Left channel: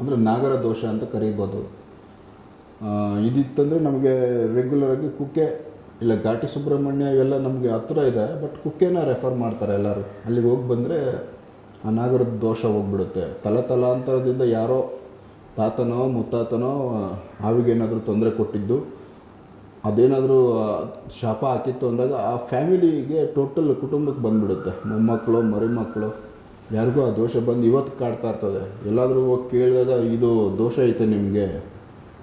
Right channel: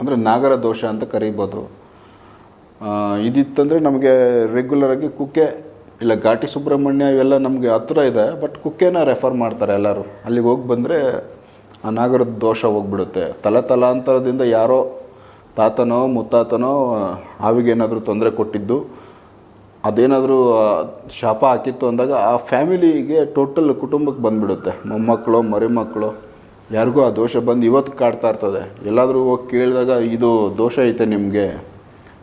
ಅಂದರೆ ನಾಗರ ದೋಷ ಅಂತ ಕರಿಬೋದು. ಇದಿತ್ತಂದರೆ ನಮಗೆ ರೆಗ್ಯುಲರಾಗಿ ಕುಕ್ಕೆ, ಇಲ್ಲ ಘಾಟಿ ಸುಬ್ರಹ್ಮಣ್ಯ ಇವೆಲ್ಲ ನಮಗೆ ಹತ್ತಿರ ಇದೆ ಬಟ್ ಕುಕ್ಕೆನ ರೆಫರ್ ಮಾಡ್ತಾರೆ ಎಲ್ಲರೂ. ಅಲ್ಲಿಗೆ ಹೋಗಿ ಬಂದರೆ ಆ ನಾಗರದ ದೋಷ ಹೋಗ್ಬಿಡುತ್ತೆ. ತಲೆ ತಲಾಂತರದಿಂದ ಯಾರೋ ತಾತನೋ, ಮುತ್ತಾತನೋ ಹಾವಿಗೇನಾದರೂ ತೊಂದರೆ ಕೊಟ್ಟಿದ್ದು, ಅದೇನಾದರೂ ಶಾಪ ಹಾಕಿತ್ತು ಅಂದಾಗ ಆ ಫ್ಯಾಮಿಲಿಗೆ ಟೋಟಲ್ ಕುಟುಂಬಕ್ಕೆ ಬಂದ್ಬಿಡುತ್ತೆ. ಮೊಮ್ಮಕ್ಕಳು, ಮರಿಮಕ್ಕಳು. ಯಾರಿಗೂ ಆ ದೋಷ ಬಂದು ಇವತ್ತು ಕಾಡ್ತಾ ಇರ್ತದೆ. ಎಲ್ಲಾದರೂ ಹೋಗಿ ಕೇಳಿದಾಗ ಇದು ದೋಷ ಐತೆ ನಿಮಗೆ,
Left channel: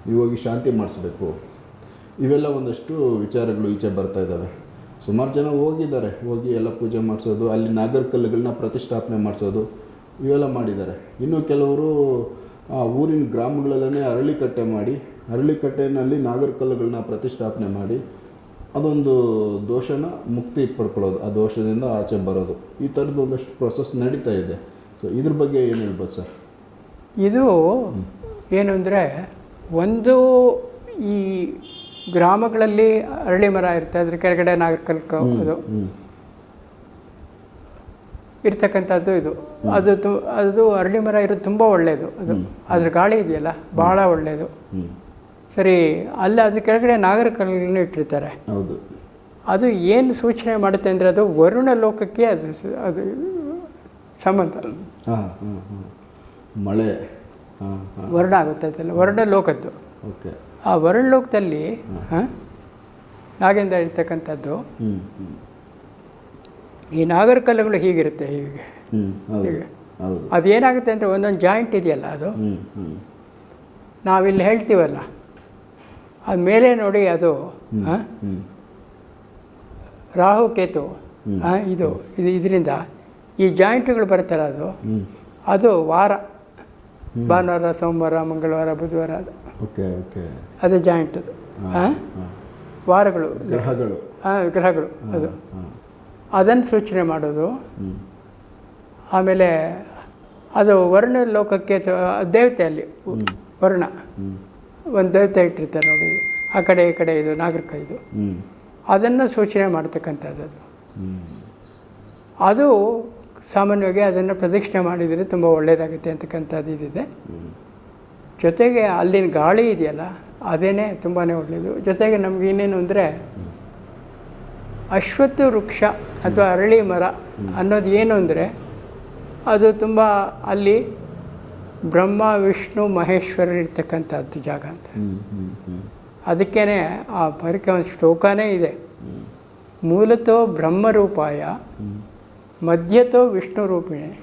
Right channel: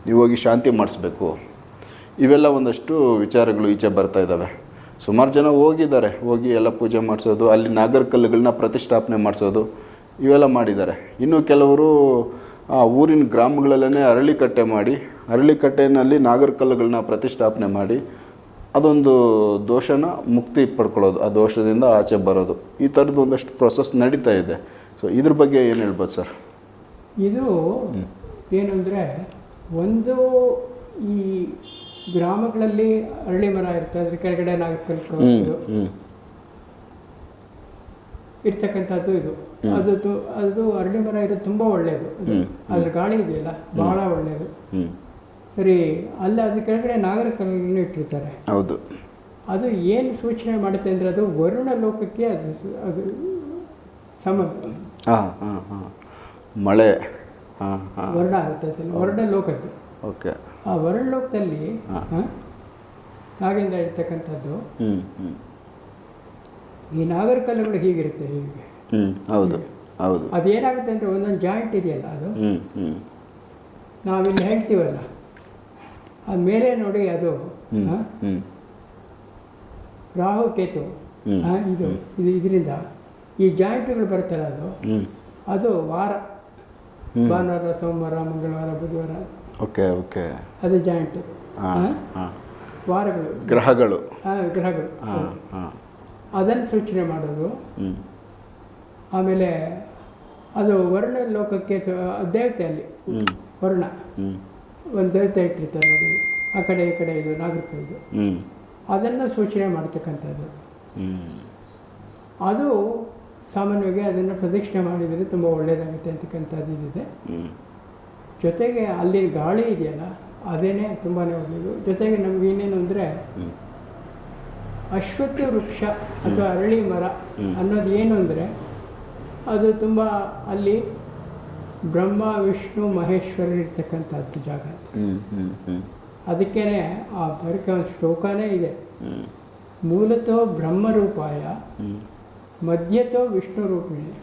ನೀವು ಹೋಗಿ ಶಾಂತಿ ಮಾಡಿಸ್ಬೇಕು. ಇವೆಲ್ಲ ಒಂದಷ್ಟು ವಿಚಾರಗಳು ಈಚೆ ಬರ್ತಾ ಇದ್ದಾವೆ. ಸುಮಾರು ಜನ ಹೋಗಿದ್ದಾರೆ. ಹೋಗಿ ಎಲ್ಲ ಪೂಜೆ ಮಾಡಿಸೋದು, ಅಲ್ಲಿ ನಾಗರ ಕಲ್ಲುಗಳನ್ನ ಪ್ರತಿಷ್ಠಾಪನೆ ಮಾಡಿಸೋದು, ಇವೆಲ್ಲ ಮಾಡಿದ್ದಾರೆ. ಇನ್ನು ಕೆಲವರು ಆ ಊರಿನ ಗ್ರಾಮಗಳಲ್ಲೇ ಅರಳಿಕಟ್ಟೆ ಮಾಡಿ ಅರಳಿಕಟ್ಟೆನಲ್ಲಿ ನಾಗರ ಕಲ್ಲುಗಳನ್ನ ಪ್ರತಿಷ್ಠಾಪನೆ ಮಾಡಿ ಅದೊಂದು ದೋಷನ ಮುಕ್ತಿ ಪಡ್ಕೊಳ್ಳೋದು ಆ ದೋಷದಿಂದ ಆಚೆ ಬರೋದು. ಈ ಥರದ್ದು ಒಂದಷ್ಟು ಪ್ರೊಸೆಸ್ ನಡೀತಾ ಇದೆ. ಸೊ ಇದ್ರ ಬಗ್ಗೆ ಏನು ಹೇಳ್ಬೋದು ಸರ್? ಇದು ಏನು ಅಂದರೆ ಒಂದು ಈ ಗ್ರಾಮಗಳಲ್ಲಿ ಅರಳಿ ಮರ ಇರುತ್ತೆ ಅದ್ರ ಕೆಳಗಡೆ ನಾಗರಿಕ ಇದು. ಇರ್ತಕ್ಕಂಥದ್ದು ಇದು. ಅದು ಅದು ಅರಳಿ ಮರ ಇರೋದು ತುಂಬ ಒಳ್ಳೆಯದು ಅದು ಅದ್ರ ಗಾಳಿ ಇದೆಯಲ್ಲ ಬಹಳ ಒಳ್ಳೆಯದು ಹ್ಞೂ ಸರಿ ಅಲ್ಲಿ ಅದ್ರ ಕೆಳಗಡೆ ನಾಗರ ಕಲ್ಲನ್ನು ಇಟ್ಟಿರ್ತಾರೆ. ಹೌದು. ಅದು ಏನು ಸೂಚನೆ ಮಾಡುತ್ತೆ ಅಂದರೆ ಅದು ವರುಣ ಲೋಕಕ್ಕೆ ಅದು ಅದು ಸಂಬಂಧ. ಹಾಂ ಹಾಂ ಹಾಂ. ಮಳೆ. ಹಾಂ ಹಾಂ. ವರ್ಣ ಆಗುತ್ತೆ ಅದೆಲ್ಲ ವರ್ಣ ಲೋಕದ್ದು. ಓಕೆ. ಆ ವರ್ಣ ಲೋಕದಲ್ಲಿ ಹಾಂ. ನಾಗೇಂದ್ರ ಇರ್ತಕ್ಕಂಥದ್ದು ಈ ನಾಗರ ಕಲ್ಲುಗಳು ಹೀಗಿರುತ್ತೆ ಹೀಗೆ. ಹ್ಞೂ ಹೌದು ಹೌದು. ಅದೇನಾಗುತ್ತೆ ಅಂದರೆ ಒಂದೊಂದು ಜಾಯಿಂಟ್ ಇದೆಯಲ್ಲ ಅದು? ಹ್ಞೂ ಹ್ಞೂ ನಾವಿಲ್ಲಿ ಹೇಳ್ತೀವಲ್ಲ ಅದು ಮೇಲೆ ನೋಡಿ ಅದು ಹ? ರಾಹು ಕೇತು. ಇದು ಇದು ಇದರಿಂದ ಈ ಜಾಯಿಂಟ್ಗಳು ಬರುತ್ತಲ್ಲ ಅದು? ಅದು ವಾರ. ಭಾನುವಾರ ಸೋಮವಾರ ಮಂಗಳವಾರ ಬುಧವಾರ. ಅದು ಓಕೆ ಓಕೆ. ಅದು ಜಾಯಿಂಟ್ ಅದು. ಹಾಂ ಹಾಂ ವಾರಗಳು. ಗ್ರಹಗಳು. ಆ, ಗ್ರಹಗಳು. ಅದು. ಹಾಂ ಅದನ್ನು ಸೂಚನೆ ಮಾಡೋದು. ಆಮೇಲೆ ಅದು ವರ್ಣ ಲೋಕಕ್ಕೆ ದೇವತೆ ಅಲ್ಲಿ ವರ್ಣ. ಒಂದು ದೇವತೆ ಇಟ್ಟಿರ್ತಾರೆ ನೋಡಿ. ಆ ಕಡೆ ಈ ಕಡೆ ಇದು ನಾಗರಿಕ ಇದು. ಅದನ್ನು ಸೂಚನೆ ಮಾಡ್ತಕ್ಕಂಥದ್ದು. ಅದು. ಅದು ಸಾಮಾನ್ಯವಾಗಿ ಅದನ್ನು ಪ್ರದಕ್ಷಿಣೆ ಮಾಡಿದರೆ ತುಂಬ ಒಳ್ಳೆಯದಾಗುತ್ತೆ ಅಂತಕ್ಕಂಥದ್ದು ಇದಿದೆ. ಜೊತೆಗೆ ಅಲ್ಲಿನ ಗಾಳಿ ಇದೆಯಲ್ಲ ಅದೇನೇ ತುಂಬಾ ಒಳ್ಳೆಯದು ಜೊತೆಗೆ ನಮ್ಗೆ ಇನ್ನೇನು ಅಂದರೆ ಅಶ್ವತ್ಥ ವೃಕ್ಷ ಅಥವಾ ಅರಳಿ ಮರ ಅನ್ನೋದು ಏನು ಅಂದರೆ ಅದು ತುಂಬ ಅಲ್ಲಿ ಬ್ರಹ್ಮ ವಿಷ್ಣು ಮಹೇಶ್ವರ ಇರ್ತಕ್ಕಂಥದ್ದು ಜಾಗ ಅಂತ. ಅದಕ್ಕೇ ಆ ಬರಕೆ ಒಂದು ಶ್ಲೋಕನೇ ಇದೆ. ಮೂಲತೋ ಬ್ರಹ್ಮರೂಪಾಯ ಮಧ್ಯತೋ ವಿಷ್ಣು ರೂಪಿಣಿ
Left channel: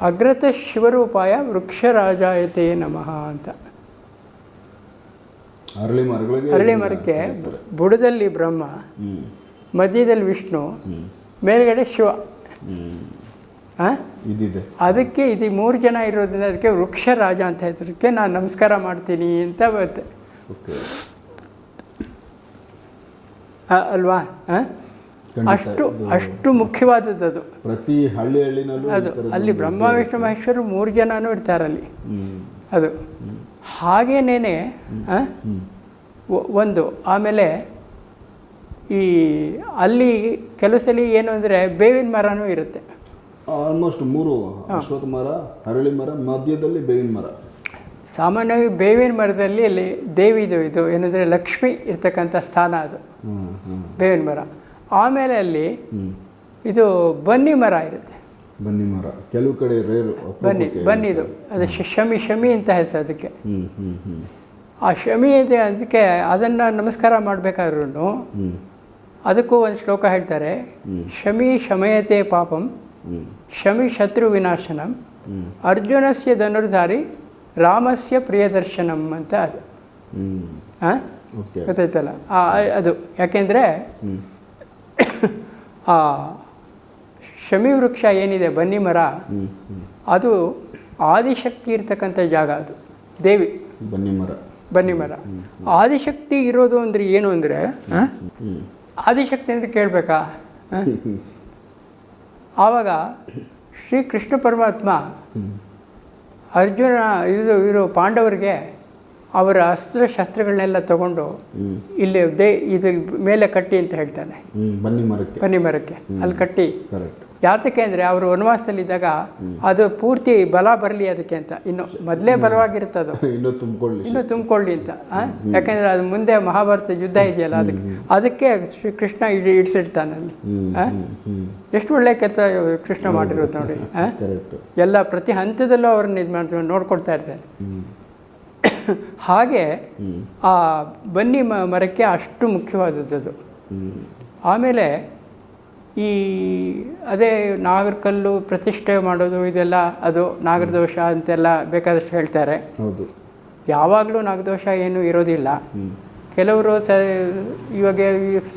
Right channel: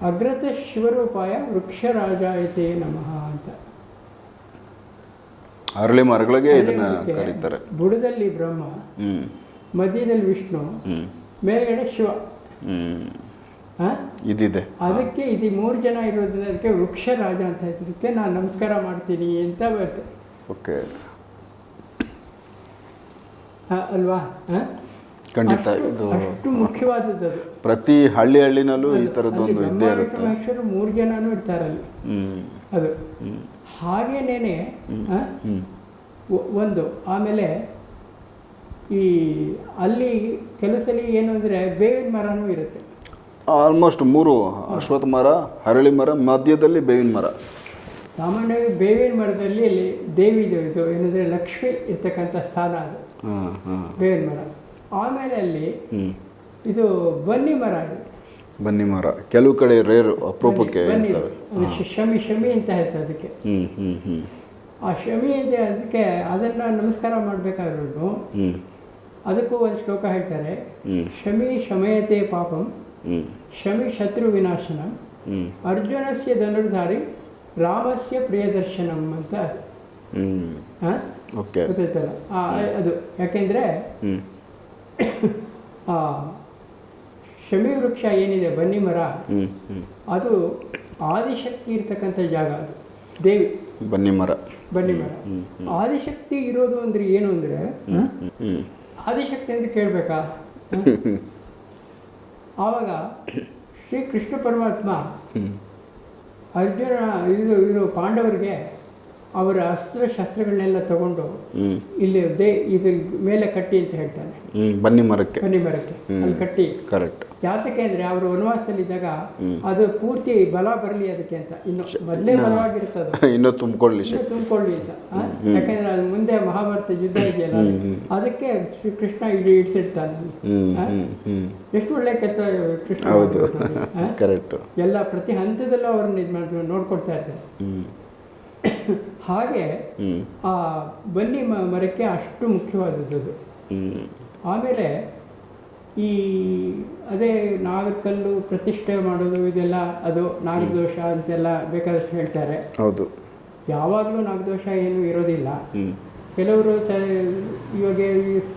ಅಗ್ರತ ಶಿವರೂಪಾಯ ವೃಕ್ಷರಾಜಾಯತೆ ನಮಃ ಅಂತ. ಅರಳಿ ಮರಗಳಿಗೆ ಅರಳಿ ಮರಕ್ಕೆ ಬುಡದಲ್ಲಿ ಬ್ರಹ್ಮ ಮಧ್ಯದಲ್ಲಿ ವಿಷ್ಣು ಮೇಲ್ಗಡೆ ಶಿವ? ಇದಿದೆ. ಅದಕ್ಕೆ ಇದು ಮೂರು ಜನ ಇರೋದ್ರಿಂದ ಅದಕ್ಕೆ ವೃಕ್ಷ ರಾಜ ಅಂತ ಹೆಸರಕ್ಕೆ ನಾನು ನಮಸ್ಕಾರ ಮಾಡ್ತೀನಿ ಅಂತ ಬರುತ್ತೆ. ಓಕೆ. ಅಲ್ವಾ? ಅಷ್ಟು ಮುಖ್ಯವಾದದ್ದು ಅದು. ಪ್ರತಿ ಹಳ್ಳಿ ಹಳ್ಳಿನಲ್ಲೂ ಅಲ್ಲಿ ಬ್ರಹ್ಮ ವಿಷ್ಣು ಮಹೇಶ್ವರು ಮೂರು ಜನನು ಇರ್ತಾರೆ ಅಲ್ಲಿ. ಅದು. ಹಾಗೇನೇನೆ ಒಂದು ಆಮೇಲೆ ಈ ಅಲ್ಲಿ ಕೆಲವು ಸಲ ಏನು ಅಂದರೆ ಬೇವಿನ ಮರನೂ ಇರುತ್ತೆ. ಆಲ್ಮೋಸ್ಟ್ ಮೂರು ಅಶ್ವತ್ಥ ಮರ ಹರಳಿ ಮರ ಮಧ್ಯದಲ್ಲಿ ಬೇವಿನ ಮರ. ಸಾಮಾನ್ಯವಾಗಿ ಬೇವಿನ ಮರದಲ್ಲಿ ಅಲ್ಲಿ ದೇವಿದು ಇದು ಏನಂದರೆ ಲಕ್ಷ್ಮಿ ಇರ್ತಕ್ಕಂಥ ಸ್ಥಾನ ಅದು. ಬೇವಿನ ಮರ. ಆಮೇಲೆ ಅಲ್ಲಿ ಇದು ಬನ್ನಿ ಮರ ಇರುತ್ತೆ ಬನ್ನಿ ಮರ. ಕೆಲವು ಕಡೆ ರೇರು ಬನ್ನಿ ಅಪರೂಪಕ್ಕೆ ಅದು ಶಮಿ ಶಮಿ ಅಂತ ಹೆಸರು ಅದಕ್ಕೆ. ಆ ಶಮಿ ಇದೆ ಅದಕ್ಕೆ ಅದನ್ನು ನಮಸ್ಕಾರ ಮಾಡಬೇಕಾದ್ರೂ ಅದಕ್ಕೂ ಒಂದು ಶ್ಲೋಕ ಹೇಳ್ತಾರೆ ಶಮಿ ಶಮಯತೆ ಪಾಪಂ. ಶಮಿ ಶತ್ರು ವಿನಾಶನಂ. ಅರ್ಜುನಸ್ಯ ಧನುರ್ಧಾರಿ ರಾಮಸ್ಯ ಪ್ರಿಯದರ್ಶನಂ ಅಂತ. ಅದು ಗೊತ್ತಾಯ್ತಲ್ಲ? ಅದು. ಯಾಕೆಂದರೆ ಆ ಶಮಿ ವೃಕ್ಷ ಏನಿದೆ ಬನ್ನಿ ಮರ ಅದು ಆದಿಶಕ್ತಿ ಇರ್ತಕ್ಕಂಥ ಜಾಗ ಅದು. ದೇವಿ. ಬನ್ನಿ ಮರ. ಬನ್ನಿ ಮರ. ಆದಿಶಕ್ತಿ ಇರೋದು ಅಂದ್ರೆ ಏನು ಅಂದರೆ ಆದಿಶಕ್ತಿ ಅಂತ ಕೇಳಬೇಕಾ? ಆವಾಗ ಶ್ರೀ ಕೃಷ್ಣ ಪರಮಾತ್ಮ ಅರ್ಜುನ ಇದು ಇರೋ ಪಾಂಡವರಿಗೆ ಅವರ ಅಸ್ತ್ರಶಸ್ತ್ರಗಳನ್ನೆಲ್ಲ ತಗೊಂಡು ಇಲ್ಲಿ ದೇ ಇದ್ರ ಮೇಲೆ ಕಟ್ಟಿ ಅಂತ ಹೇಳ್ತಾನೆ. ಬನ್ನಿ ಮರಕ್ಕೆ. ಬನ್ನಿ ಮರಕ್ಕೆ. ಅಲ್ಲಿ ಕಟ್ಟಿ. ಕರೆಕ್ಟ್ ಯಾತಕ್ಕೆ ಅಂದರೆ ಅವರು ವನವಾಸದಲ್ಲಿದ್ದಾಗ ಅದು ಪೂರ್ತಿ ಬಲ ಬರಲಿ ಅದಕ್ಕೆ ಅಂತ. ಇನ್ನು ಮೊದಲೇ ಬಲವಾಗಿರುತ್ತೆ ಅದು. ಇನ್ನೂ ತುಂಬಿಕೊಳ್ಳಿ ಇನ್ನು ತುಂಬಿಕೊಳ್ಳಿ ಅಂತ ಯಾಕಂದರೆ ಅದು ಮುಂದೆ ಮಹಾಭಾರತ ಯುದ್ಧ ಇದೆಯಲ್ಲ ಅದಕ್ಕೆ ಅದಕ್ಕೆ ಶ್ರೀ ಕೃಷ್ಣ ಇಡಿ ಇಡ್ಸಿಡ್ತಾನೆ ಎಷ್ಟು ಒಳ್ಳೆ ಕೆಲಸ ಕೃಷ್ಣ ಮಾಡಿರೋದು ನೋಡಿ? ಎಲ್ಲ ಪ್ರತಿ ಹಂತದಲ್ಲೂ ಅವ್ರನ್ನ ಇದು ಮಾಡ್ತಾರೆ ನೋಡ್ಕೊಳ್ತಾ ಇರ್ತಾರೆ ಹಾಗೆ ಆ ಬನ್ನಿ ಮರಕ್ಕೆ ಅಷ್ಟು ಮುಖ್ಯವಾದದ್ದು ಅದು. ಆಮೇಲೆ ಈ ಅದೇ ನಾಗರಕಲ್ಲು ಪ್ರತಿಷ್ಠೆ ಮಾಡೋದು ಇದೆಲ್ಲ ಅದು ನಾಗರದೋಷ ಅಂತೆಲ್ಲ ಬೇಕಾದಷ್ಟು ಹೇಳ್ತಾರೆ. ಹೌದು. ಯಾವಾಗಲೂ ನಾಗದೋಷ ಏನು ಇರೋದಿಲ್ಲ. ಕೆಲವರು ಸ ಇವಾಗ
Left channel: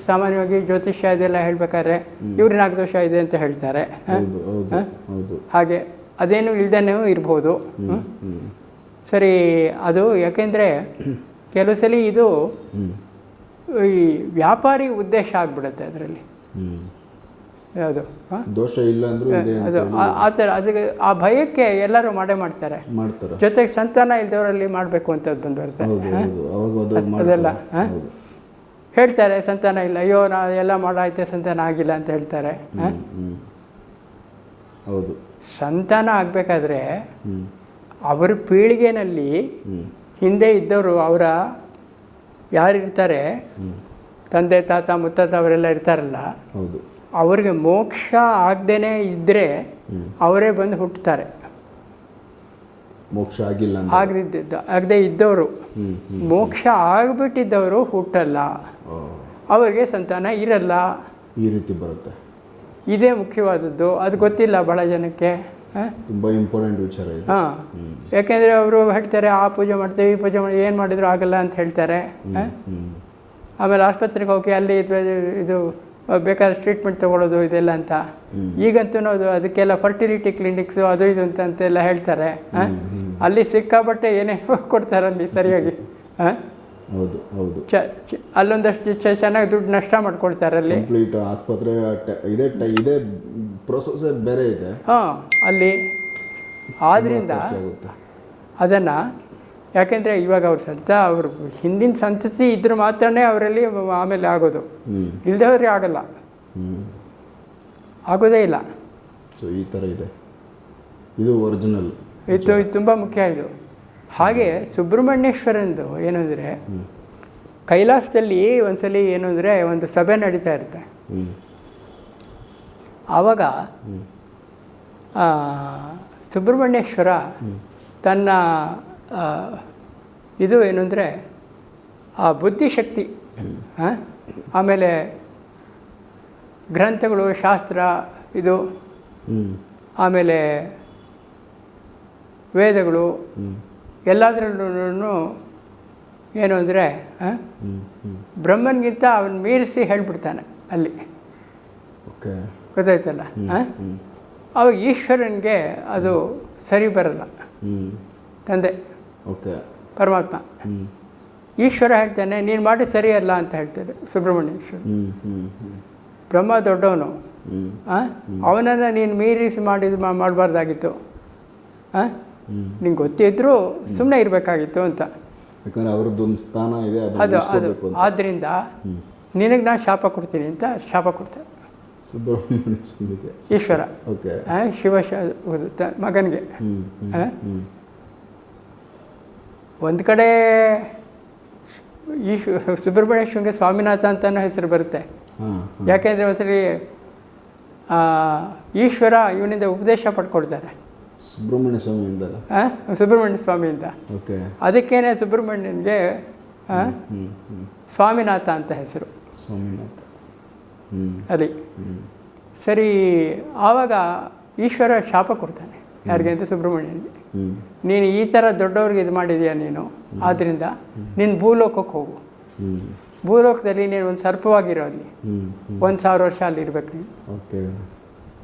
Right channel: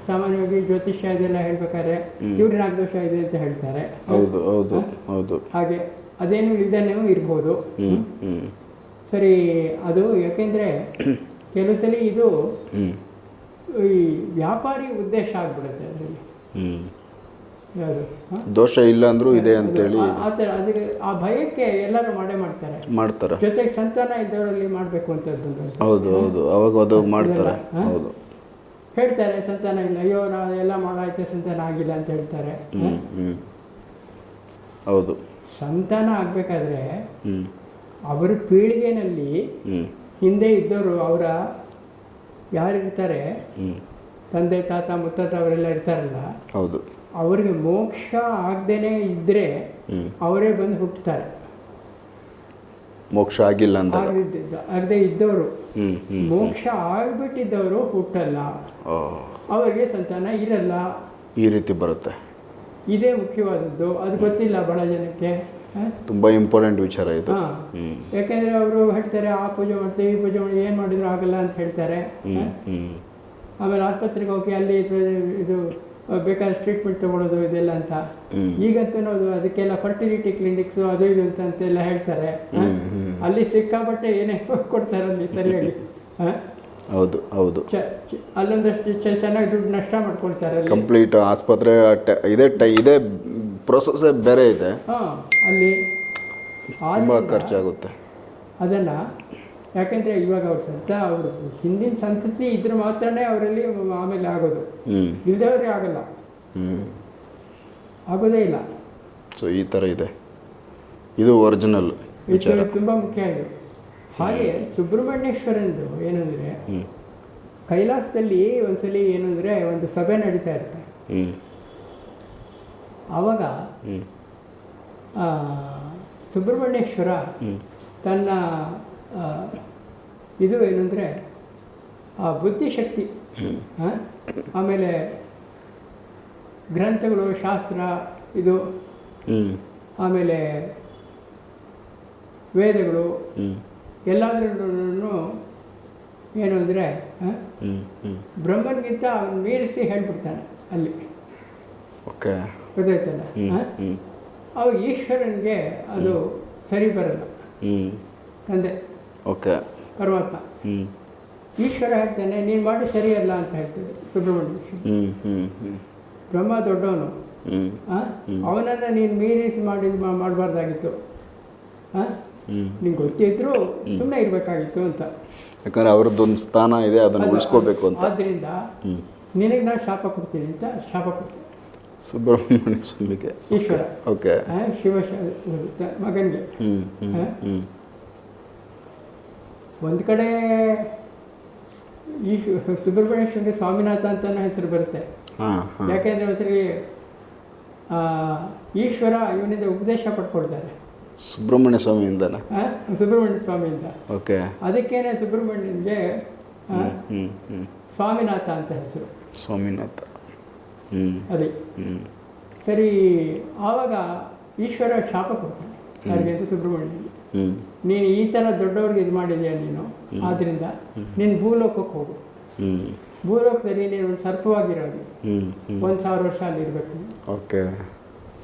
ಸಾಮಾನ್ಯವಾಗಿ ಜ್ಯೋತಿಷ್ಯ ಇದೆಲ್ಲ ಹೇಳ್ಬೇಕಾದ್ರೆ ಇವ್ರು ನಾಗದೋಷ ಇದೆ ಅಂತ ಹೇಳ್ತಾರೆ. ಹೌದು ಹೌದು ಹೌದು. ಹಾಗೆ ಅದೇನು ಇಲ್ದೇನೂ ಇರ್ಬೋದು. ಸರಿ ಅದು ಯಾಕೆಂದರೆ ಕೆಲವು ಸಲ ಇದು ಈ ವ್ಯಾಪಾರಿ ಉದ್ದೇಶ ಆಗ್ಬಿಡುತ್ತೆ ಅದರಲ್ಲಿ. ಯಾವುದು? ದೋಷ ಇಲ್ಲ ಅಂದ್ರೂ ಇದೆ ಅಂತ ಆ- ಥರ ಅದಕ್ಕೆ ಆ ಭಯಕ್ಕೆ ಎಲ್ಲರೂ ಮಾಡೇ ಮಾಡ್ತಾರೆ. ಮಾಡ್ತಾರೆ. ಜೊತೆಗೆ ಸಂತಾನ ಇಲ್ದವರಲ್ಲಿ ಮಾಡಬೇಕು ಅಂತ ಹೌದು ಹೌದು. ಅವಾಗ ಅದು ಹೌದು. ಹೇಳ್ತಾರೆ ಸಂತಾನ ಇಲ್ಲ. ಅಯ್ಯೋ ನಾ ಎಲ್ಲ ಮಾಡಾಯ್ತು ಸಂತಾನ ಆಗಿಲ್ಲ ಅಂತ ಹೇಳ್ತಾರೆ. ಹೌದು. ಸಂತಾನ ಆಗಬೇಕಾದ್ರೆ ಅವರ ಪೀಳಿಗೆನಲ್ಲಿ ಹಿಂದೆ ಇದ್ದವರು ಅವರ ಯಾರಿರ್ತಾರೆ? ತಂದೆ ತಾತ ಮುತ್ತಾತ ಅವರೆಲ್ಲ ಇರ್ತಾರಲ್ಲ? ಹೌದು. ಅವ್ರಿಗೆ ಮೋಕ್ಷ ಆಗದೇನೆ ಇದ್ದರೆ ಅವರೇ ಬಂದು ಹುಟ್ಟುತ್ತಾರೆ ಮೋಕ್ಷ ಆಗಿಲ್ಲ ಆಗದಿದ್ದ ಆಗದೆ ಇದ್ದವರು. ಮೋಕ್ಷ ಆಗ್ಬಿಟ್ಟಿದ್ದವರು ಹುಟ್ಟಲ್ಲ. ಅವರಿಗೆ ಸಂತಾನ ಇರಲ್ಲ. ಈ ರೀತಿ ಬರುತ್ತೆ. ಇದೇ ಮುಖ್ಯವಾದದ್ದು. ಅದು ಗೊತ್ತಿಲ್ಲ ಬಹಳ ಜನಕ್ಕೆ. ತುಂಬಾ ಇಂಪಾರ್ಟೆಂಟ್ ವಿಚಾರ ಇದು. ಯಾಕೆಂದ್ರೆ ಅವರು ಹೇಳ್ತಾರೆ ಆ ಪೂಜೆ ಮಾಡ್ತೇವೆ ಈ ಪೂಜೆ ಮಾಡಿ ಏನು ಮಾಡಿದ್ರು ಆಗಲ್ಲ ಅಂತ ಹೇಳ್ತಾರೆ. ಆಮೇಲೆ ಆಸ್ಪತ್ರೆಗೆ ಹೋಗಿ ಅಲ್ಲಿ ಇದು ಇದು ಬೇಕಾದ ಟ್ರೀಟ್ಮೆಂಟ್ ತಗೊಳ್ಳೋದು ಇದೆಲ್ಲ ಅಂತ. ಈಗಂತೂ ಅದು ಅದಕ್ಕೆಲ್ಲ ಫರ್ಟಿಲಿಟಿ ಕ್ಲಿನಿಕ್ಸು ಅದು ಇದು ಅಂತ ಅಂತೆಲ್ಲ ಹೇಳ್ತಾರೆ. ಅಲ್ಲಿ ಸಿಕ್ಕಾಪಟ್ಟೆ ಏನೇ ಕೊಡ್ತಾರೆ ಅಲ್ಲಿ ಸರಿಯಾಗಿ? ಹೌದು ಹೌದು. ಅಲ್ಲೊಂದಷ್ಟು ಚೆನ್ನಾಗಿ ದುಡ್ಡು ನಷ್ಟ ಮಾಡ್ಕೊಳ್ತಾರೆ ಅಲ್ಲಿ. ಕಂಪ್ಲೀಟ್ ಆಸ್ಪತ್ರೆ ಇದೆ ಇದೇ ಪ್ರೊಸೆಸ್ ಬೇರೆ ಇದೆ. ಹಾಂ ಅಲ್ಲಿ ಖರ್ಚಾಗುತ್ತೆ. ಅದನ್ನು ಯಾಕೆಂದರೆ ಇವಾಗ ಅವ್ರ ಸಂತ ಅವರು ಹಿಂದಿನ ಸಂತತಿ ಇದ್ರೆ ಮಾತ್ರನೇ ಅವರಲ್ಲಿ ಆಮೇಲೆ ಆಗೋದು. ಇಲ್ಲದೇ ಇಲ್ದವ್ರಿಗೆ ಆಗಲ್ಲ. ಆಗೋದೇ ಇಲ್ಲ. ಸೊ ಈ ಥರ ಇದೆ. ಇದು ಒರಿಜಿನಲ್ ಇದು ತುಂಬ ಮುಖ್ಯ ಇದು. ಹಾಗೆ ಸುಬ್ರಹ್ಮಣ್ಯೇಶ್ವರಂದು ಏನಂದರೆ ಕೈಲಾಸದಲ್ಲಿ ಒಂದ್ಸಲಿ ಏನು ಅಂದರೆ ಒಂದು ಸಭೆ ನಡೀತಾ ಇರುತ್ತೆ. ಆವಾಗ ಆ, ಸುಬ್ರಹ್ಮಣ್ಯೇಶ್ವರ ತನ್ನ ಇದು ಏನು ಅಂದರೆ ಆ ಬುದ್ಧಿಶಕ್ತಿ? ಆಮೇಲೆ ಗ್ರಂಥಗಳು ಶಾಸ್ತ್ರ ಇದು ಆಮೇಲೆ ವೇದಗಳು ಎಲ್ಲದರಲ್ಲೂ ಏನು ಅಂದರೆ ಬ್ರಹ್ಮನಿಗಿಂತ ಹ್ಮ್ ಬ್ರಹ್ಮನ್ಗಿಂತ ಅವನು ಮೀರಿಸಿ ಹೇಳ್ಬಿಡ್ತಾನೆ ಅಲ್ಲಿ. ಓಕೆ. ಗೊತ್ತಾಯ್ತಲ್ಲ? ಅವಾಗ ಈಶ್ವರನಿಗೆ ಅದು ಸರಿ ಬರಲ್ಲ. ತಂದೆ. ಓಕೆ. ಪರಮಾತ್ಮ. ಈಶ್ವರ ಹೇಳ್ತಾನೆ ನೀನು ಮಾಡಿ ಸರಿಯಲ್ಲ ಅಂತ ಹೇಳ್ತಾರೆ ಸುಬ್ರಹ್ಮಣ್ಯೇಶ್ವರ. ಹ್ಮ್ ಹ್ಮ್ ಹ್ಮ್. ಬ್ರಹ್ಮ ದೊಡ್ಡವನು. ಅವನನ್ನು ನೀನು ಮೀರಿಸಿ ಮಾಡಿದ ಮಾಡಬಾರ್ದಾಗಿತ್ತು. ಹಾಂ ನಿಂಗೆ ಗೊತ್ತಿದ್ರು ಸುಮ್ಮನೆ ಇರಬೇಕಾಗಿತ್ತು ಅಂತ. ಯಾಕಂದ್ರೆ ಅವ್ರದ್ದೊಂದು ಸ್ಥಾನ ಇದೆ ಅದನ್ನ ಹ್ಮ್. ನಿನಗೆ ನಾನು ಶಾಪ ಕೊಡ್ತೀನಿ ಅಂತ ಶಾಪ ಕೊಡ್ತೇನೆ ಸುಬ್ರಹ್ಮಣ್ಯ ಸ್ವಾಮಿಗೆ. ಈಶ್ವರ. ಓಕೆ. ಶಿವ ಮಗನಿಗೆ. ಒಂದು ಕಡೆ ಈ ಸುಬ್ರಹ್ಮಣ್ಯ ಶೃಂಗ ಸ್ವಾಮಿನಾಥ ಅಂತಲೂ ಹೆಸರು ಬರುತ್ತೆ. ಯಾಕೆಂದರೆ ಒಂದ್ಸರಿ ಈಶ್ವರ ಇವನಿಂದ ಉಪದೇಶ ಪಡ್ಕೊಡ್ತಾರೆ. ಸುಬ್ರಹ್ಮಣ್ಯ ಸ್ವಾಮಿಯಿಂದ ಸುಬ್ರಹ್ಮಣ್ಯ ಸ್ವಾಮಿಯಿಂದ. ಓಕೆ. ಅದಕ್ಕೇನೆ ಸುಬ್ರಹ್ಮಣ್ಯನಿಗೆ ಸ್ವಾಮಿನಾಥ ಅಂತ ಹೆಸರು. ಸ್ವಾಮಿನಾಥ. ಹ್ಮ್. ಸರಿ ಆವಾಗ ಈಶ್ವರ ಶಾಪ ಕೊಡ್ತಾನೆ. ಯಾರಿಗೆ ಅಂತ ಸುಬ್ರಹ್ಮಣ್ಯನಿಗೆ. ಹ್ಮ್. ನೀನು ಈ ಥರ ದೊಡ್ಡವ್ರಿಗೆ ಇದು ಮಾಡಿದೀಯಾ ನೀನು? ಆದ್ದರಿಂದ ನಿನ್ನ ಭೂಲೋಕಕ್ಕೆ ಹೋಗು. ಭೂಲೋಕದಲ್ಲಿ ನೀನು ಒಂದು ಸರ್ಪವಾಗಿರೋ ಅಲ್ಲಿ ಒಂದು ಸಾವಿರ ವರ್ಷ ಅಲ್ಲಿ ಇರ್ಬೇಕು ನೀನು. ಓಕೆ.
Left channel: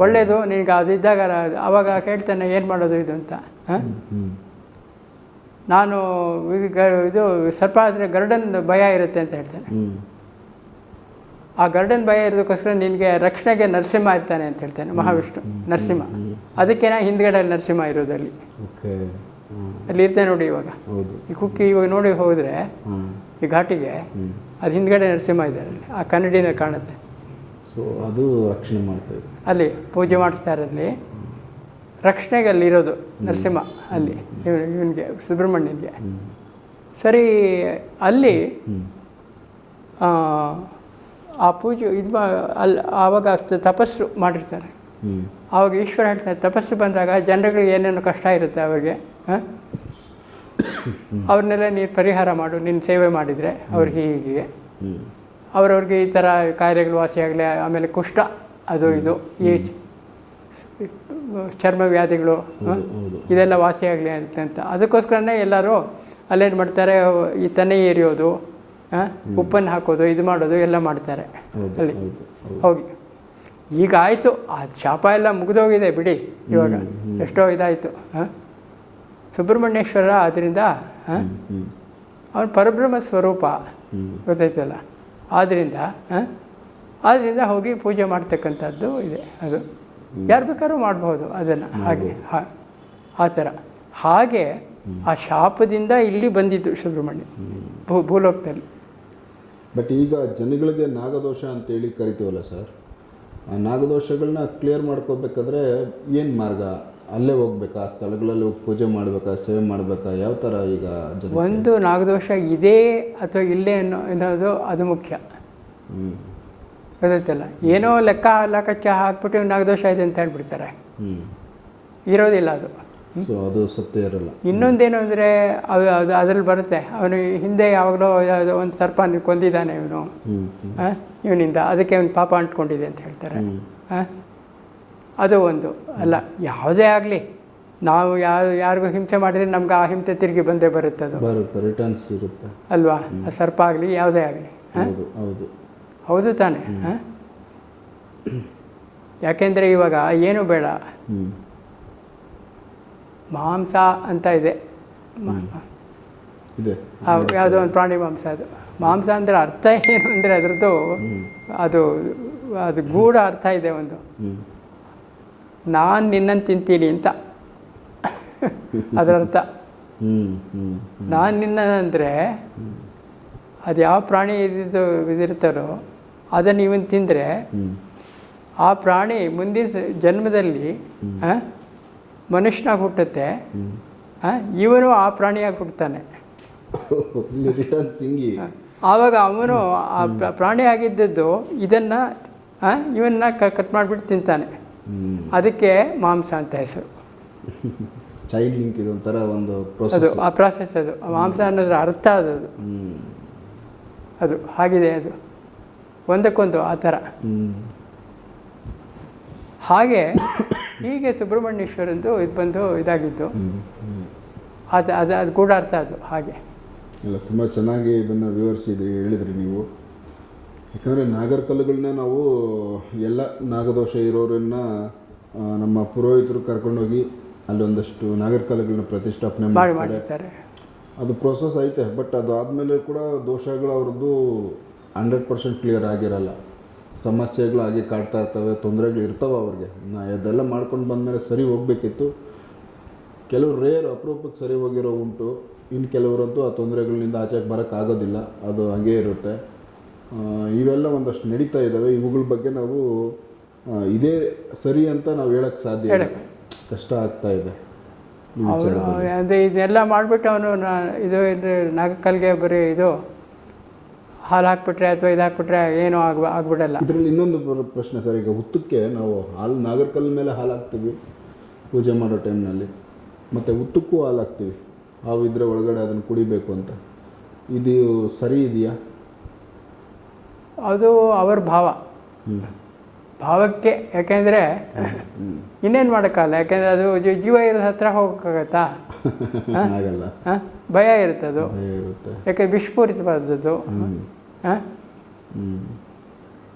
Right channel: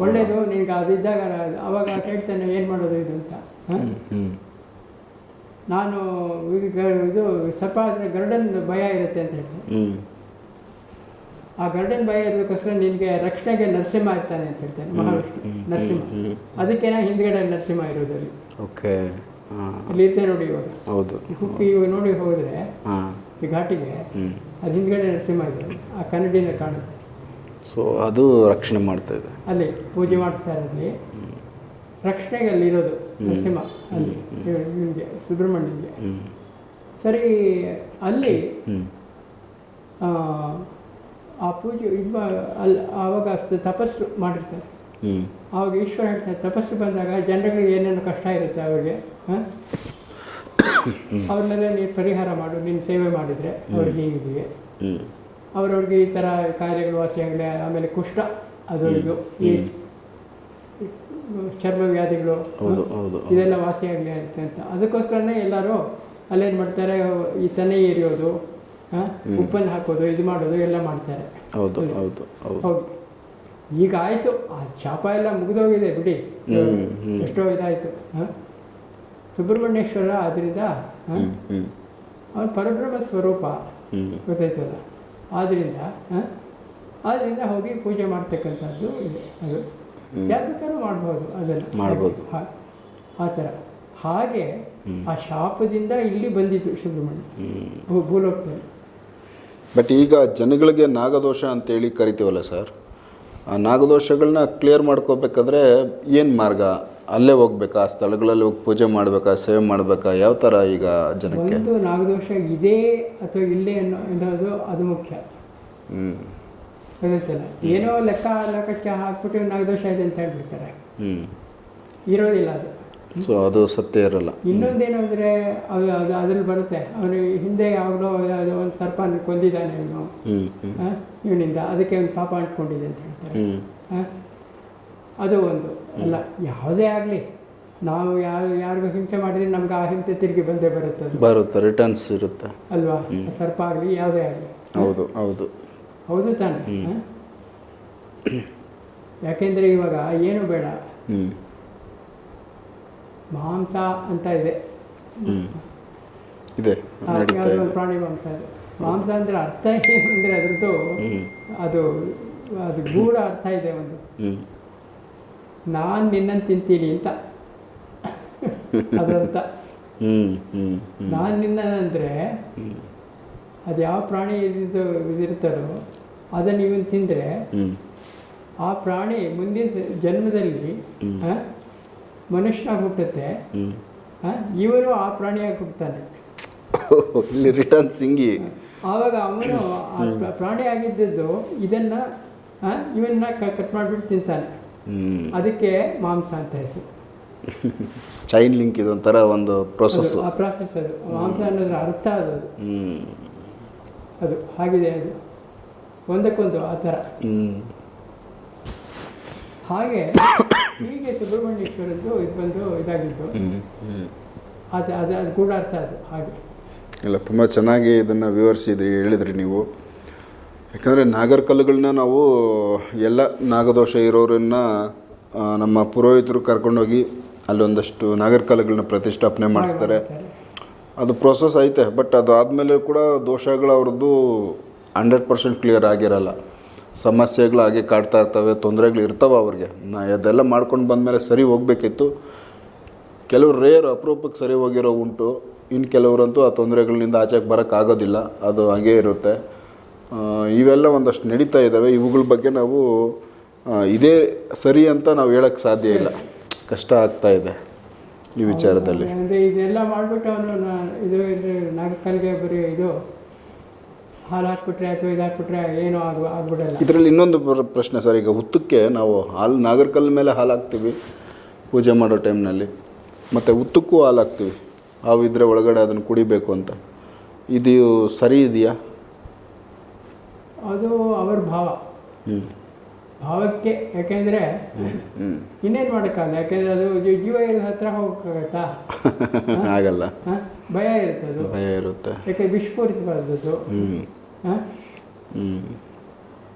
ಒಳ್ಳೇದು ನಿನಗೆ ಅದಿದ್ದಾಗ ಅವಾಗ ಕೇಳ್ತಾನೆ ಏನು ಮಾಡೋದು ಇದು ಅಂತ? ನಾನು ಇದು ಸರ್ಪ ಆದರೆ ಗರ್ಡನ್ ಭಯ ಇರುತ್ತೆ ಅಂತ ಹೇಳ್ತಾನೆ. ಆ ಗಾರ್ಡನ್ ಭಯ ಇರೋದಕ್ಕೋಸ್ಕರ ನಿನಗೆ ರಕ್ಷಣೆಗೆ ನರಸಿಂಹ ಇರ್ತಾನೆ ಅಂತ ಹೇಳ್ತಾನೆ ಮಹಾವಿಷ್ಣು ನರಸಿಂಹ. ಅದಕ್ಕೇನ ಹಿಂದ್ಗಡೆ ನರಸಿಂಹ ಇರೋದಲ್ಲಿ. ಓಕೆ ಅಲ್ಲಿ ಇರ್ತಾನೆ ನೋಡಿ ಇವಾಗ. ಹೌದು. ಕುಕ್ಕಿ ಇವಾಗ ನೋಡಿ ಹೋದ್ರೆ ಈ ಘಾಟಿಗೆ ಅದು ಹಿಂದ್ಗಡೆ ನರಸಿಂಹ ಇದೆ ಆ ಕನ್ನಡಿನ ಕಾಣುತ್ತೆ. ಸೊ ಅದು ರಕ್ಷಣೆ ಮಾಡ್ತಾ ಇದೆ. ಅಲ್ಲಿ ಪೂಜೆ ಮಾಡ್ತಾ ಅಲ್ಲಿ ರಕ್ಷಣೆಗೆ ಅಲ್ಲಿ ಇರೋದು ನರಸಿಂಹ ಅಲ್ಲಿ ಇವನಿಗೆ ಸುಬ್ರಹ್ಮಣ್ಯನಿಗೆ. ಹ್ಮ್. ಸರಿ ಅಲ್ಲಿ ಆ, ಪೂಜೆ ಇದು ಮಾ ಅಲ್ಲಿ ಆವಾಗ ತಪಸ್ಸು ಮಾಡಿರ್ತಾರೆ. ಆವಾಗ ಈಶ್ವರ ಹೇಳ್ತಾರೆ ತಪಸ್ಸು ಬಂದಾಗ ಜನರುಗಳಿಗೆ ಏನೇನು ಕಷ್ಟ ಇರುತ್ತೆ ಅವರಿಗೆ ಹಾಂ? ಅವ್ರನ್ನೆಲ್ಲ ನೀನು ಪರಿಹಾರ ಮಾಡು ನೀನು ಸೇವೆ ಮಾಡಿದರೆ ಅವ್ರಿಗೆ ಹೀಗೆ. ಅವರವ್ರಿಗೆ ಈ ಥರ ಕಾಯಿಲೆಗಳು ವಾಸಿಯಾಗಲಿ ಆಮೇಲೆ ಕುಷ್ಠ ಅದು ಇದು ಈ ಚರ್ಮ ವ್ಯಾಧಿಗಳು ಇದೆಲ್ಲ ವಾಸಿಯಾಗಲಿ ಅಂತ ಅದಕ್ಕೋಸ್ಕರನೇ ಎಲ್ಲರೂ ಅಲ್ಲೇನು ಮಾಡ್ತಾರೆ ಈ ತನೆ ಏರಿಯೋದು ಆ? ಉಪ್ಪನ್ನು ಹಾಕೋದು ಇದು ಮಾಡೋದು ಎಲ್ಲ ಮಾಡ್ತಾರೆ. ಹೌದು ಹೋಗಿ. ಈಗ ಆಯಿತು. ಆ ಶಾಪ ಎಲ್ಲ ಮುಗಿದೋಗಿದೆ ಬಿಡಿ. ಇವಾಗ. ಎಷ್ಟೋ ಇದಾಯಿತು ಸುಬ್ರಹ್ಮಣ್ಯೇಶ್ವರ ಆದ್ರಿಂದ ಅವನು ಹ್ಮ್ ಅವನ ಪರಬ್ರಹ್ಮ ಸ್ವರೂಪ ಗೊತ್ತಾಯ್ತಲ್ಲ? ಆದ್ದರಿಂದ ಆದ್ದರಿಂದ ಹೋಗಿ ಪೂಜೆ ಮಾಡ್ತಕ್ಕಂಥದ್ದು ಇದೆ ಅದು. ಯಾರು ಬೇಕಾದ್ರೂ ಮಾಡ್ಬೋದು ಅದನ್ನು. ಹಾಗೆ. ಆ ಥರ. ಹಾಗೆ ಆ ಶಾಪದಿಂದ ಇಲ್ಲಿ ಬಂದಿದ್ದು ಸುಬ್ರಹ್ಮಣ್ಯ. ಹ್ಮ್. ಭೂ ಭೂಲೋಕದಲ್ಲಿ. ಬಟ್ ಈಗ ಜನಗಳಿಗೆ ನಾಗದೋಷ ಅಂತೇಳಿ ಕರಿತೀವಲ್ಲ ಸರ್ ಆ ನಾಗದೋಷಗಳನ್ನ ಕ್ಲಿಯರ್ ಮಾಡ್ಕೋಬೇಕಾದ್ರೆ ಏನು ಮಾರ್ಗ? ಅಲ್ಲೇ ಹೋಗ್ಬೇಕಾ? ಆ ಸ್ಥಳಗಳಲ್ಲಿ ಹೋಗಿ ಪೂಜೆ ಮಾಡಬೇಕಾ? ಸೇವೆ ಮಾಡಬೇಕಾ? ಯಾವ ಥರ ಈಗ ಜನ ಒಂದು ನಾಗದೋಷ ಇದೆ ಅಥವಾ ಇಲ್ಲೇ ಅನ್ನೋ ಅನ್ನೋದು ಅದು ಮುಖ್ಯ. ಹ್ಞೂ ಗೊತ್ತಾಯ್ತಲ್ಲ? ಏನೋ ಲೆಕ್ಕ ಲೆಕ್ಕಕ್ಕೆ ಹಾಕ್ಬಿಟ್ಟು ನಾಗದೋಷ ಇದೆ ಅಂತ ಹೇಳ್ಬಿಡ್ತಾರೆ. ಹ್ಞೂ ಇರೋದಿಲ್ಲ ಅದು. ಸೊ ಅದು ಸತ್ಯ ಇರಲ್ಲ. ಇನ್ನೊಂದೇನು ಅಂದರೆ ಅದು ಅದು ಅದ್ರಲ್ಲಿ ಬರುತ್ತೆ. ಅವನು ಹಿಂದೆ ಯಾವಾಗಲೂ ಯಾವುದೋ ಒಂದು ಸರ್ಪ ಕೊಂದಿದ್ದಾನೆ ಇವನು. ಇವನಿಂದ ಅದಕ್ಕೆ ಅವನು ಪಾಪ ಅಂಟ್ಕೊಂಡಿದೆ ಅಂತ ಹೇಳ್ತಾರೆ? ಅದು ಒಂದು. ಅಲ್ಲ ಯಾವುದೇ ಆಗಲಿ ನಾವು ಯಾವ ಯಾರಿಗೂ ಹಿಂಸೆ ಮಾಡಿದ್ರೆ ನಮ್ಗೆ ಆ ಹಿಂಸೆ ತಿರುಗಿ ಬಂದೇ ಬರುತ್ತೆ ಅದು. ಬರುತ್ತೆ ರಿಟರ್ನ್ಸ್ ಇರುತ್ತೆ. ಅಲ್ವಾ? ಸರ್ಪ ಆಗಲಿ ಯಾವುದೇ ಆಗಲಿ. ಹೌದು ಹೌದು. ಹೌದು ತಾನೆ. ಯಾಕೆಂದ್ರೆ ಇವಾಗ ಏನು ಬೇಡ. ಮಾಂಸ ಅಂತ ಇದೆ. ಇದೆ. ಯಾವುದೋ ಒಂದು ಪ್ರಾಣಿ ಮಾಂಸ ಅದು. ಮಾಂಸ ಅಂದರೆ ಅರ್ಥ ಏನು ಅಂದರೆ ಅದರದ್ದು ಅದು ಅದು ಗೂಢ ಅರ್ಥ ಇದೆ ಒಂದು. ನಾನು ನಿನ್ನನ್ನು ತಿಂತೀನಿ ಅಂತ. ಹ್ಞೂ ನಾನು ನಿನ್ನ ಅಂದ್ರೆ ಅದು ಯಾವ ಪ್ರಾಣಿ ಇದಿರ್ತಾರೋ ಅದನ್ನ ಇವನು ತಿಂದರೆ ಆ ಪ್ರಾಣಿ ಮುಂದಿನ ಜನ್ಮದಲ್ಲಿ ಮನುಷ್ಯನಾಗಿ ಹುಟ್ಟುತ್ತೆ ಇವನು ಆ ಪ್ರಾಣಿಯಾಗಿ ಹುಟ್ಟುತ್ತಾನೆ ಇಲ್ಲಿ ರಿಟರ್ನ್ ಸಿಂಗಿ. ಆವಾಗ ಅವನು ಆ ಪ್ರಾಣಿ ಆಗಿದ್ದದ್ದು ಇದನ್ನು ಇವನ್ನ ಕಟ್ ಮಾಡಿಬಿಟ್ಟು ತಿಂತಾನೆ. ಅದಕ್ಕೆ ಮಾಂಸ ಅಂತ ಹೆಸರು. ಚೈನ್ ಲಿಂಕ್ ಇದೊಂಥರ ಒಂದು ಪ್ರೊಸೆಸ್ ಆ ಪ್ರಾಸೆಸ್ ಅದು. ಮಾಂಸ ಅನ್ನೋದ್ರ ಅರ್ಥ ಅದು ಅದು. ಹಾಗಿದೆ ಅದು. ಒಂದಕ್ಕೊಂದು ಆ ಥರ. ಹಾಗೆ ಹೀಗೆ ಸುಬ್ರಹ್ಮಣ್ಯೇಶ್ವರಂದು ಇದು ಬಂದು ಇದಾಗಿದ್ದು. ಅದು ಅದು ಅದು ಕೂಡ ಅರ್ಥ ಅದು ಹಾಗೆ. ಇಲ್ಲ ತುಂಬ ಚೆನ್ನಾಗಿ ಇದನ್ನು ವಿವರಿಸಿದ್ರಿ ಹೇಳಿದ್ರಿ ನೀವು. ಯಾಕಂದರೆ ನಾಗರ ಕಲ್ಲುಗಳನ್ನ ನಾವು ಎಲ್ಲ ನಾಗದೋಷ ಇರೋರನ್ನ ನಮ್ಮ ಪುರೋಹಿತರು ಕರ್ಕೊಂಡೋಗಿ ಅಲ್ಲೊಂದಷ್ಟು ನಾಗರ ಕಲ್ಲುಗಳನ್ನ ಪ್ರತಿಷ್ಠಾಪನೆ ಮಾಡಿ ಮಾಡಿಸ್ತಾರೆ. ಅದು ಪ್ರೊಸೆಸ್ ಐತೆ ಬಟ್ ಅದು ಆದಮೇಲೆ ಕೂಡ ದೋಷಗಳು ಅವ್ರದ್ದು ಹಂಡ್ರೆಡ್ ಪರ್ಸೆಂಟ್ ಕ್ಲಿಯರ್ ಆಗಿರಲ್ಲ. ಸಮಸ್ಯೆಗಳು ಹಾಗೆ ಕಾಡ್ತಾ ಇರ್ತವೆ ತೊಂದರೆಗಳು ಇರ್ತವೆ ಅವ್ರಿಗೆ. ನಾ ಅದೆಲ್ಲ ಮಾಡ್ಕೊಂಡು ಬಂದಮೇಲೆ ಸರಿ ಹೋಗಬೇಕಿತ್ತು. ಕೆಲವರು ರೇರ್ ಅಪರೂಪಕ್ಕೆ ಸರಿ ಹೋಗಿರೋ ಉಂಟು. ಇನ್ನು ಕೆಲವರಂತೂ ಆ ತೊಂದರೆಗಳಿಂದ ಆಚೆಗೆ ಬರೋಕ್ಕಾಗೋದಿಲ್ಲ ಅದು ಹಾಗೇ ಇರುತ್ತೆ. ಇವೆಲ್ಲ ಒಂದಷ್ಟು ನಡೀತಾ ಇದ್ದಾವೆ. ಇವುಗಳ ಬಗ್ಗೆ ನಾವು ಇದೇ ಸರಿ ಅಂತ ನಾವು ಹೇಳಕ್ಕೆ ಸಾಧ್ಯ ಇಲ್ಲ. ಕಷ್ಟ ಆಗ್ತಾ ಇದೆ ಈ ವಿಚಾರದಲ್ಲಿ. ಅದೇ ಇದೆಲ್ಲ ಮಾಡಿಬಿಟ್ಟು ಅವನು ಇದು ಇದು ನಾಗಕಲ್ಗೆ ಬರೀ ಇದು ಹಾಲು ಹಾಕ್ಬಿಟ್ರೆ ಅಥವಾ ಇದು ಹಾಕ್ಬಿಟ್ರೆ ಏನೂ ಆಗ ಆಗ್ಬಿಡಲ್ಲ. ಇದರಲ್ಲಿ ಇನ್ನೊಂದು ಪ್ರಶ್ನೆ ಸರ್ ಈಗ ಹುತ್ತಕ್ಕೆ ನಾವು ಹಾಲು ನಾಗರಕಲ್ ಮೇಲೆ ಹಾಲು ಹಾಕ್ತೀವಿ ಪೂಜೆ ಮಾಡೋ ಟೈಮ್ನಲ್ಲಿ. ಮತ್ತು ಹುತ್ತಕ್ಕೂ ಹಾಲು ಹಾಕ್ತೀವಿ. ಹಾವಿದ್ರೆ ಒಳಗಡೆ ಅದನ್ನು ಕುಡಿಬೇಕು ಅಂತ. ಇದು ಸರಿ ಇದೆಯಾ? ಅದು ಅವ್ರ ಭಾವ. ಭಾವಕ್ಕೆ ಯಾಕೆಂದರೆ ಇನ್ನೇನು ಮಾಡೋಕ್ಕಲ್ಲ ಯಾಕೆಂದರೆ ಅದು ಜೀವ ಇರೋ ಹತ್ರ ಹೋಗೋಕ್ಕಾಗತ್ತಾ? ಆಗಲ್ಲ ಭಯ ಇರುತ್ತೆ ಅದು ಭಯ ಇರುತ್ತೆ. ಯಾಕೆ ವಿಷಪೂರಿಸಬಾರ್ದದ್ದು ಹ್ಞೂ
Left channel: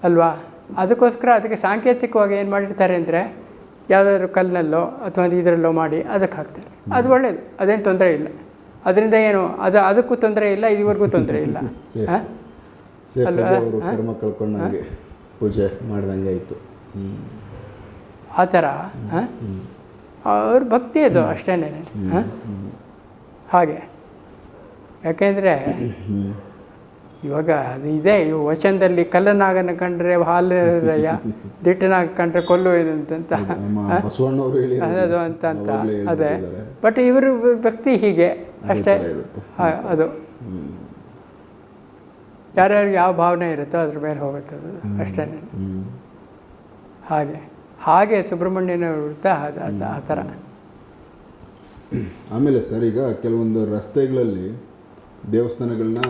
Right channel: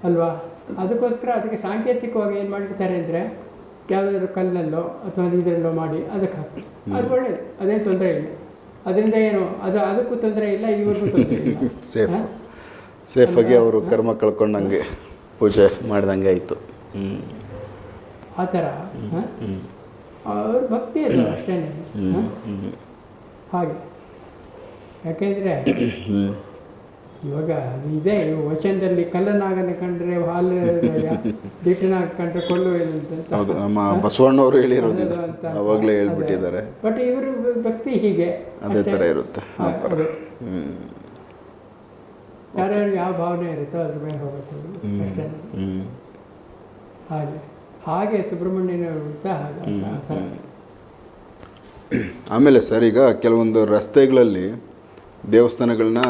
ಅಲ್ವಾ? ಅದಕ್ಕೋಸ್ಕರ ಅದಕ್ಕೆ ಸಾಂಕೇತಿಕವಾಗಿ ಏನು ಮಾಡಿರ್ತಾರೆ ಅಂದರೆ ಯಾವುದಾದ್ರೂ ಕಲ್ಲಲ್ಲೋ ಅಥವಾ ಇದರಲ್ಲೋ ಮಾಡಿ ಅದಕ್ಕೆ ಹಾಕ್ತಾರೆ ಅದು ಒಳ್ಳೇದು. ಅದೇನು ತೊಂದರೆ ಇಲ್ಲ. ಅದರಿಂದ ಏನು? ಅದು ಅದಕ್ಕೂ ತೊಂದರೆ ಇಲ್ಲ ಇದುವರೆಗೂ ತೊಂದರೆ ಇಲ್ಲ? ಸೇಫಾಗಿ ಅವರು ಕರ್ಮ ಕಳ್ಕೊಂಡಂಗೆ ಪೂಜೆ ಮಾಡ್ದಂಗೆ ಆಯಿತು. ಆ ಥರ? ಅವ್ರ ಭಕ್ತಿ ಅದು ಅಷ್ಟೇ ಹಾಗೆ. ಯಾಕೆಂದರೆ ಇವಾಗ ಅದು ಇದೆ ವಚನದಲ್ಲಿ ಕಲ್ಲನಾಗನ ಕಂಡ್ರೆ ಹಾಲು ದಿಟ್ಟನಾಗ ಕಂಡ್ರೆ ಕೊಲ್ಲು ಅಂತ ಬಸವಣ್ಣವರು ಹೇಳಿರೋದು ಅಂತ. ಅದೇ. ಬಟ್ ಇವರು ಭಕ್ತಿ ಹೀಗೆ. ಅಷ್ಟೇ. ಇರುತ್ತೆ ಅದು. ಯಾರ್ಯಾರು ಯಾವ ಭಾವನೆ ಇರುತ್ತೋ ಅದ್ರ ಮೇಲೆ ಹೋಗುತ್ತೆ ಅದು ಅಷ್ಟೇ. ಹ್ಮ್. ಹಾಗೆ. ಹಾಗೆ ಸುಬ್ರಹ್ಮಣ್ಯನ ವೃತ್ತ ಆ ಥರ. ಆಮೇಲೆ ಸರ್ ಈಗ ಕೆಲವೊಂದು ರಸ್ತೆಗಳಲ್ಲಿ ದೇವಸ್ಥಾನಗಳನ್ನ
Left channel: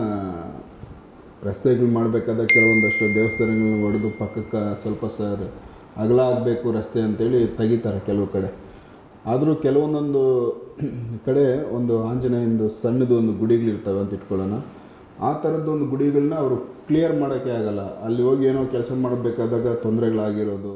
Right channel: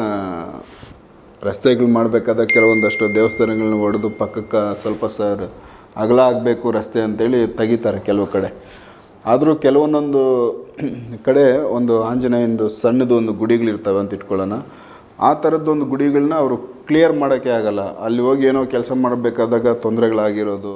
ರಸ್ತೆಗಳು ಮಾಡಬೇಕಾದ ಕೆಲವೊಂದಷ್ಟು ದೇವಸ್ಥಾನಗಳನ್ನ ಹೊಡೆದು ಪಕ್ಕಕ್ಕೆ ಸ್ವಲ್ಪ ಸರ್ ಅಗಲ ಆಗಬೇಕು ರಸ್ತೆ ಅಂತೇಳಿ ತೆಗಿತಾರೆ ಕೆಲವು ಕಡೆ. ಆದರೂ ಕೆಲವೊಂದೊಂದು ಕಡೆ ಒಂದು ಆಂಜನೇಯಂದು ಸಣ್ಣದು ಒಂದು ಗುಡಿಗಳಿರ್ತವೆ ಅಂತ ಇಟ್ಕೊಳ್ಳೋಣ. ಆ ಥರದ್ದೊಂದು ಗುಡಿಗಳನ್ನ ಅವರು ಕ್ಲಿಯರ್ ಮಾಡೋಕ್ಕೆ ಆಗಲ್ಲ. ಅಲ್ಲಿ ಹೋಗಿ ಏನೋ ಕೆಲಸ ಮಾಡಬೇಕಾದಾಗ ತೊಂದರೆಗಳಾಗಿರೋದು.